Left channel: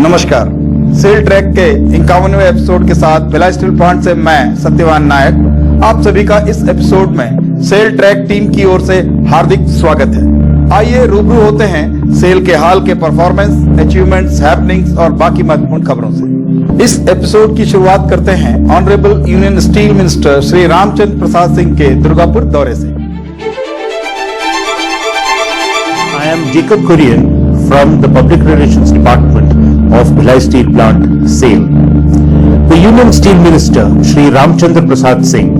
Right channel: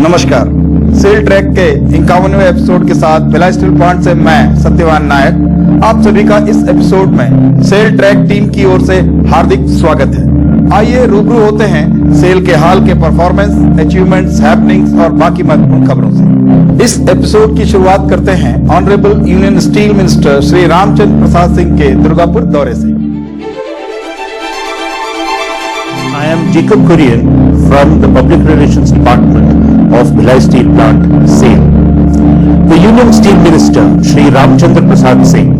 नमस्कार। Cell track के 51वें episode के साथ भिलाई स्टील प्लांट से मैं सत्यवान नायक आप सभी का इस एपिसोड में सेल ट्रैक टीम की ओर से हार्दिक स्वागत है। आइए रूबरू होते हैं सेल के हाल के परफॉर्मेंस, अचीवमेंट्स, हैपनिंग्स और बाकी महत्वपूर्ण खबरों से। इस एपिसोड की शुरुआत करते हैं honourable union steel minister Shri Ramchandra Prasad Singh के दुर्गापुर दौरे से। I am Jacob Kurian from the Public Relations Department of Bhilai Steel Plant, SAIL. The Union Steel Minister, Shri Ramchandra Prasad Singh,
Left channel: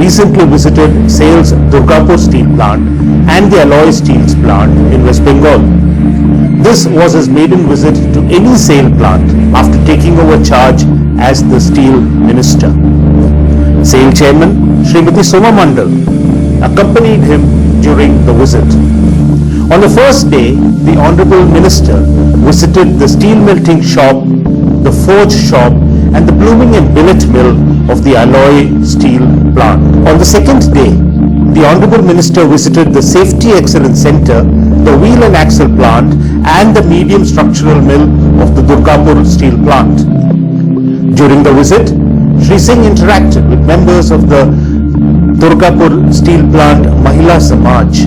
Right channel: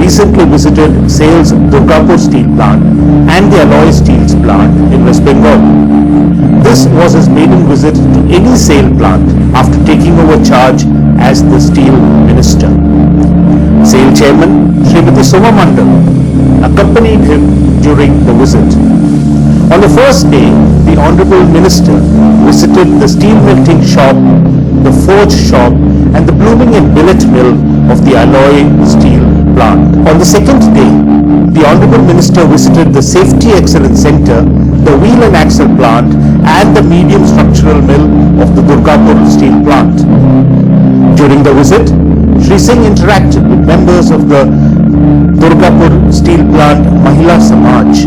recently visited SAIL's Durgapur Steel Plant and the Alloy Steels Plant in West Bengal. This was his maiden visit to any SAIL plant after taking over charge as the Steel Minister. SAIL Chairman, Srimati Soma Mandal, accompanied him during the visit. On the first day, the Honorable Minister visited the steel melting shop, the forge shop and the blooming and billet mill of the Alloy Steel Plant. On the second day, the Honorable Minister visited the Safety Excellence Center, the Wheel and Axle Plant and the medium structural mill of the Durgapur Steel Plant. During the visit, Shri Singh interacted with members of the Durgapur Steel Plant Mahila Samaj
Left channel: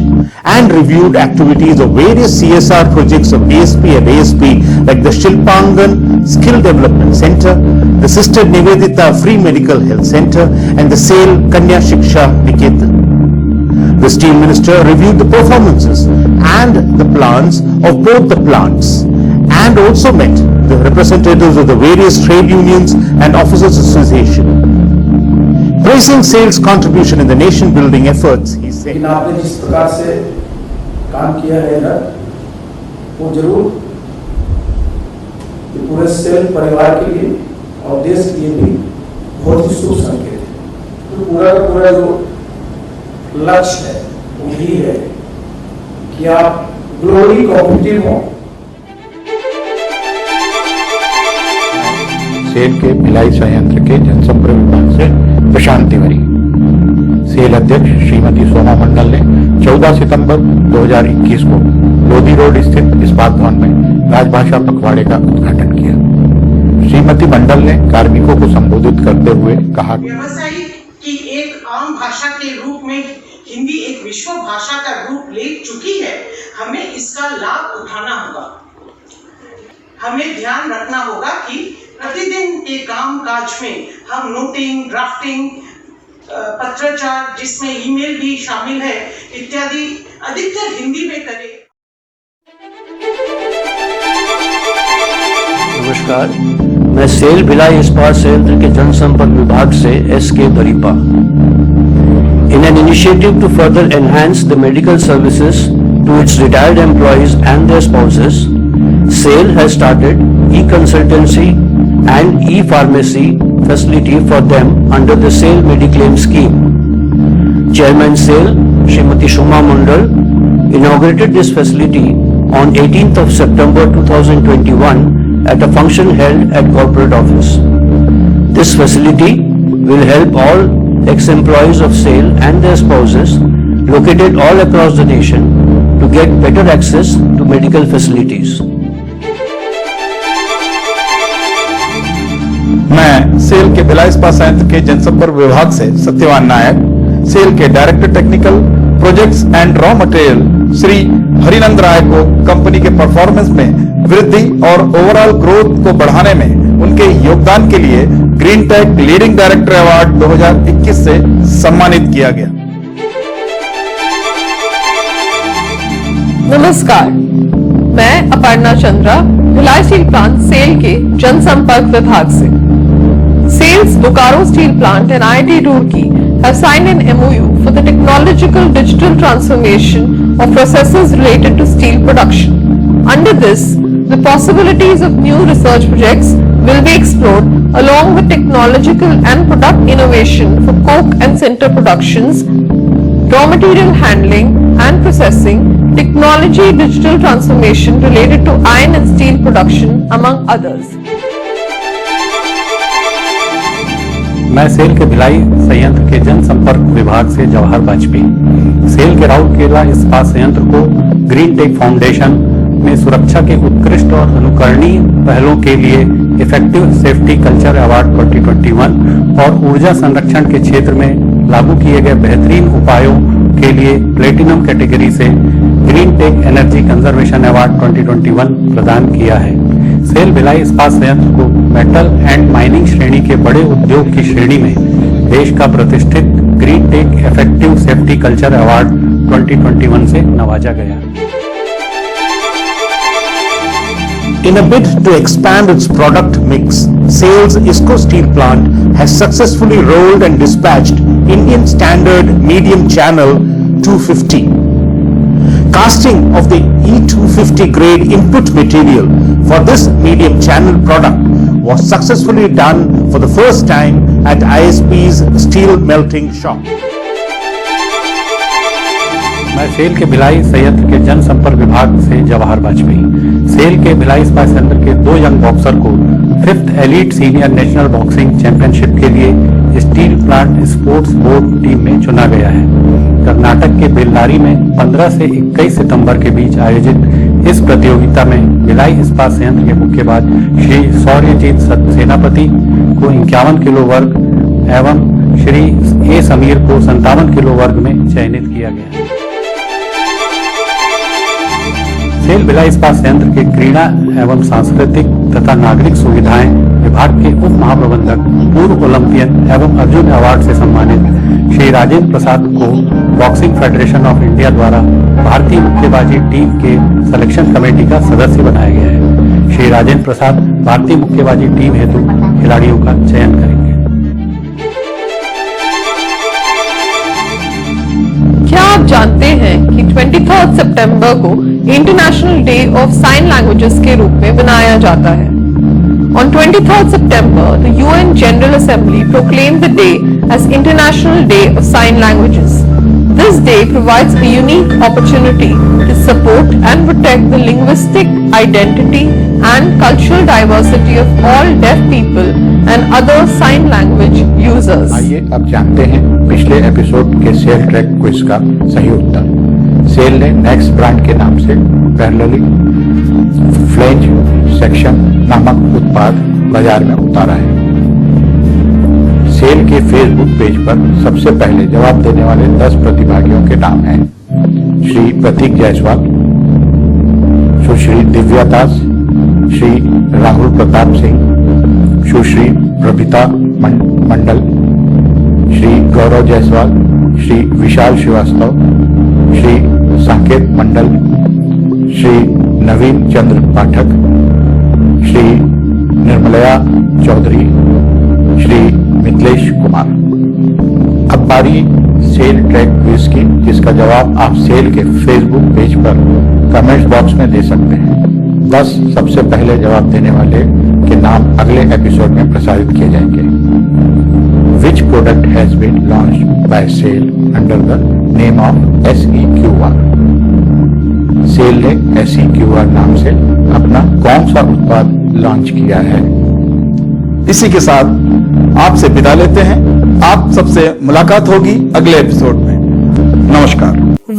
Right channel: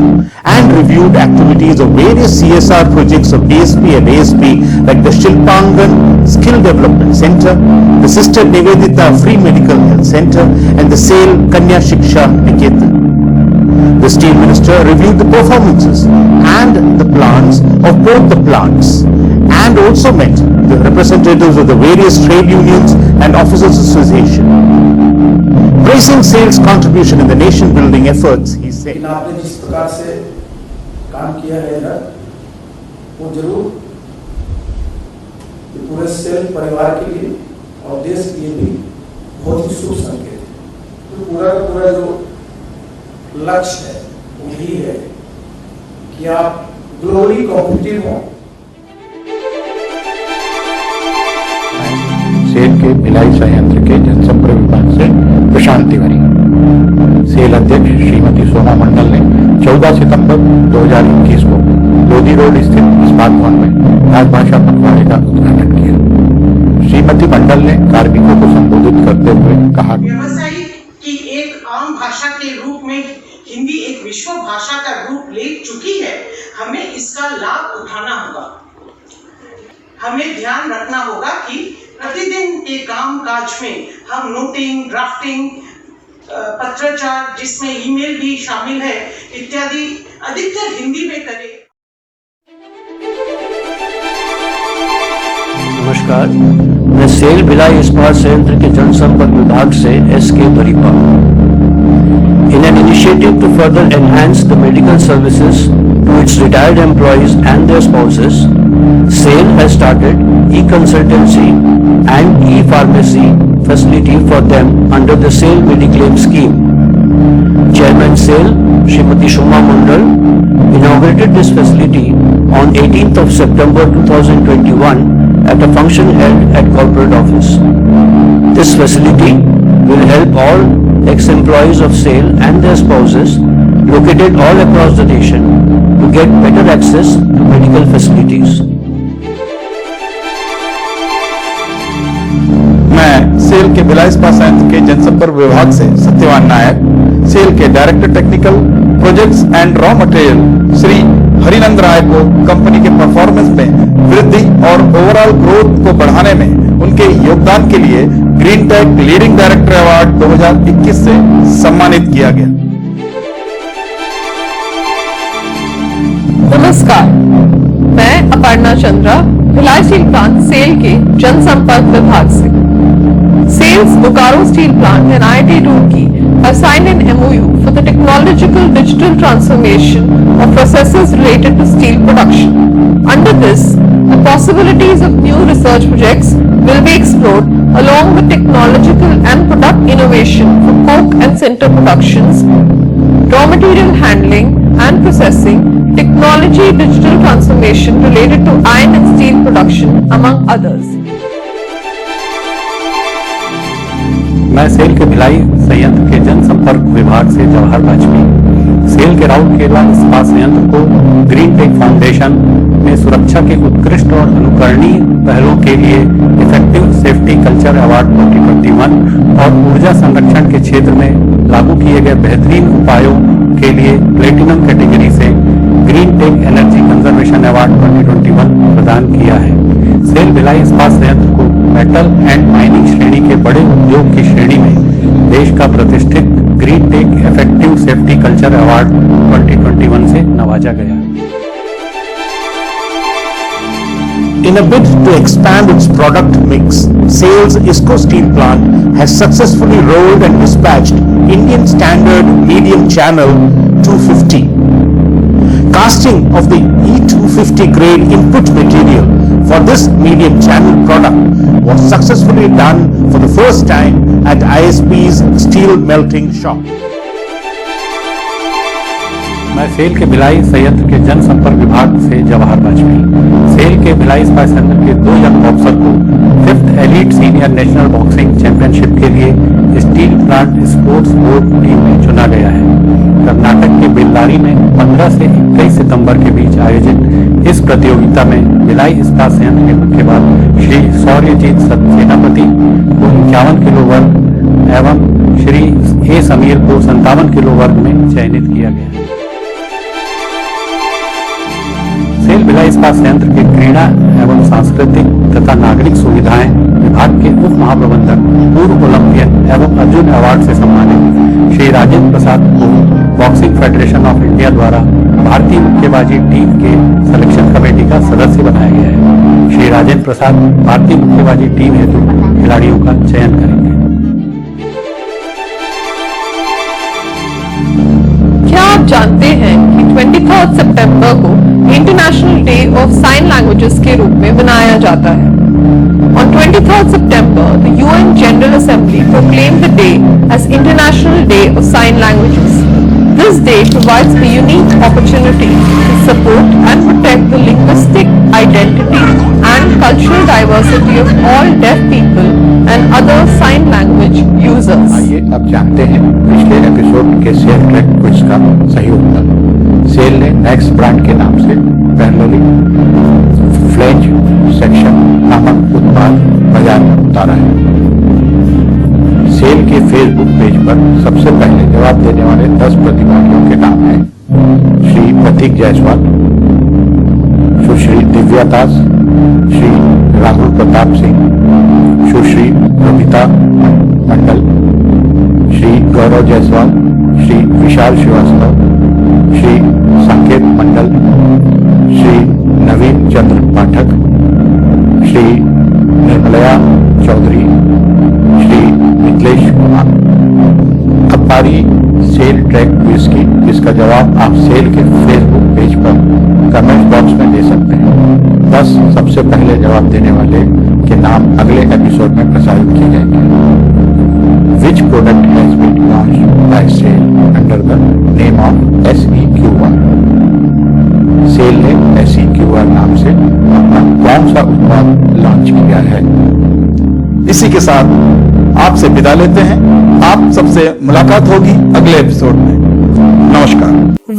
and reviewed activities of various CSR projects of DSP and ASP like the Shilpangan Skill Development Center, the Sister Nivedita Free Medical Health Center and the SAIL Kanya Shiksha Niketan. The Steel Minister reviewed the performances and the plans of both the plants and also met the representatives of the various trade unions and officers association. Praising SAIL's contribution in the nation building efforts, he said, लेकिन आपने जिस प्रकार से काम किया है ना, वो जरूर पूरे सेल परिवार के लिए और देश के लिए भी बहुत ही शुभ संकेत है। तो पूरा का पूरा जो लक्ष्य है वो यही है कि आप ग्लोबली कॉम्पिटिटिव हो। सेल के भिलाई संयंत्र के जनसंपर्क विभाग से प्रशांत तिवारी। सेल अध्यक्ष श्रीमती सोमा मंडल ने 14 सितंबर 2021 को लोधी रोड स्थित इस्पात भवन में राजभाषा पखवाड़े का उद्घाटन किया। श्रीमती मंडल ने कार्मिकों को संबोधित करते हुए कहा, व्यवसायिक की एक आम भाषा के रूप में हिंदी एक विश्व भाषा का रूप ले चुकी है। हमें इसका लाभ उठाना होगा। हमें ध्यान रखना होगा कि प्रतिदिन के काम काज में हम नोटिंग, ड्राफ्टिंग, पत्राचार जिसमें ईमेल भी शामिल है इत्यादि अधिकतर हिंदी में करें। नमस्कार, मैं सेल भिलाई इस्पात संयंत्र के जनसंपर्क विभाग से SK. दरीपा। In an initiative to further enhance the medical services to its retired employees and their spouses, SAIL has started e-consultancy and e-pharmacy facility for them under the SAIL Mediclaim scheme. Chairman SAIL, Srimati Soma Mandal, inaugurated this facility on 18th of September 2021 at a function held at corporate office. This facility will help all ex-employees of SAIL and their spouses located all across the nation to get better access to medical facilities. मैं SAIL के भिलाई इस्पात संयंत्र के जनसंपर्क विभाग से Satyavan Nayak, SAIL के director technical projects and raw material Shri Harinand Rai को कंपनी के परफॉर्मेंस में वृद्धि और ओवरऑल ग्रोथ को बढ़ाने में उनके योगदान के लिए green tech leading director award 2021 से सम्मानित किया गया। नमस्कार, मैं अपर्णा चंद्रा, भिलाई स्टील प्लांट सेल के जनसंपर्क विभाग से। SAIL's Bokaro Steel Plant and IIT Roorkee have signed an MOU for the technological digital transformation of processes related to steel production. Under this, the possibilities of new research projects will be explored along with technological and product innovation for coke and sinter productions, raw material handling and processing, technology digital transformation related to iron and steel production, among others. मैं SAIL के भिलाई संयंत्र के जनसंपर्क विभाग से Jawahar Vajpayee. Cell के राउरकेला इस्पात संयंत्र को ग्रीन टेक फाउंडेशन में सुरक्षा के उत्कृष्ट और अनुकरणीय पहलों के लिए इफेक्टिव सेफ्टी कल्चर अवार्ड 2021 और ऊर्जा संरक्षण के क्षेत्र में लागू किए गए बेहतरीन उपायों के लिए प्लेटिनम कैटेगरी से green tech energy conservation award 2021 प्रदान किया है। सेल भिलाई इस्पात संयंत्र को मेटल एंड माइनिंग श्रेणी के बड़े उद्योग की श्रेणी में देश का प्रतिष्ठित green tech effective safety culture award 2021 से नवाजा गया। In a bid to expand its product mix, SAIL's ISCO steel plant has successfully rolled and dispatched Indian Standard Medium Channel 250. Casting of the E250 grade input material for this medium channel product was successfully done for the first time at ISP's steel melting shop. मैं SAIL के भिलाई संयंत्र के जनसंपर्क विभाग से Jawahar Vajpayee. Cell के भिलाई इस्पात संयंत्र के 2 यंग बॉक्सर को 5th elite senior national boxing championship के लिए steel plant sports board team में चुना गया है। कर्नाटक के बेल्लारी में 15 से 21 सितंबर के बीच आयोजित इस प्रतियोगिता में भिलाई इस्पात संयंत्र के मुक्केबाज श्री शौर्यजीत सेनापति को 51 किलो वर्ग एवं श्री ए समीर को 57 किलो वर्ग में चयनित किया गया। सेल भिलाई इस्पात संयंत्र के क्रीड़ा एवं सांस्कृतिक तथा नागरिक सुविधाएं विभाग के उप महाप्रबंधक पूर्व ओलंपियन एवं अर्जुन अवार्ड से सम्मानित श्री राजेंद्र प्रसाद को बॉक्सिंग फेडरेशन ऑफ इंडिया द्वारा भारतीय मुक्केबाजी टीम के सिलेक्शन कमेटी का सदस्य बनाया गया है। श्री राजेंद्र प्रसाद भारतीय मुक्केबाजी टीम हेतु खिलाड़ियों का चयन करेंगे। क्या आप जानते हैं कि 23 सितंबर को international day of sine languages के रूप में मनाया जाता है? On 23rd September, the UN General Assembly proclaimed the day as International Day of Sign Languages. This day provides a unique opportunity to support and protect the linguistic identity and cultural diversity of all deaf people and other sign language users. आइए अब जानते हैं पिछले episode के cell track quiz का सही उत्तर। Cell ने next brand के नाम से पैरेलली फ्लेंज सेक्शन नामक उत्पाद बाजार में उतारा है। सेल के फेसबुक पेज पर सबसे पहले जवाब देने वाले 10 प्रतिभागियों के नाम हैं: श्री प्रतीक जायसवाल, सुश्री दिव्या दास, श्री राहुल प्रताप सिंह, सुश्री प्रभिता मंडल, श्री गौरव जायसवाल, श्री विशाल श्रीवास्तव, श्री संकेत मंडल, श्री नवीन चंद्र पाठक, श्री निर्मलया चौधरी, श्री मिथिलेश कुमार। अब बारी सेल ट्रैक क्विज की, जिसका जवाब आप सेल के फेसबुक पेज पर कमेंट्स बॉक्स में दे सकते हैं। 10 सबसे पहले जवाब देने वाले के नाम अगले एपिसोड में प्रसारित किए जाएंगे। Which product has been launched by SAIL under the name of SEQR? SAIL ने SEQR नाम से अपना कौन सा उत्पाद लॉन्च किया है? इसी के साथ आपसे विदा लेते हैं। आप सबसे मुलाकात होगी अगले एपिसोड में। नमस्कार।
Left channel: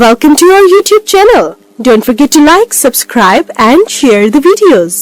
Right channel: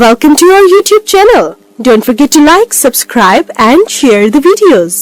Welcome to our YouTube channel. Don't forget to like, subscribe and share the videos.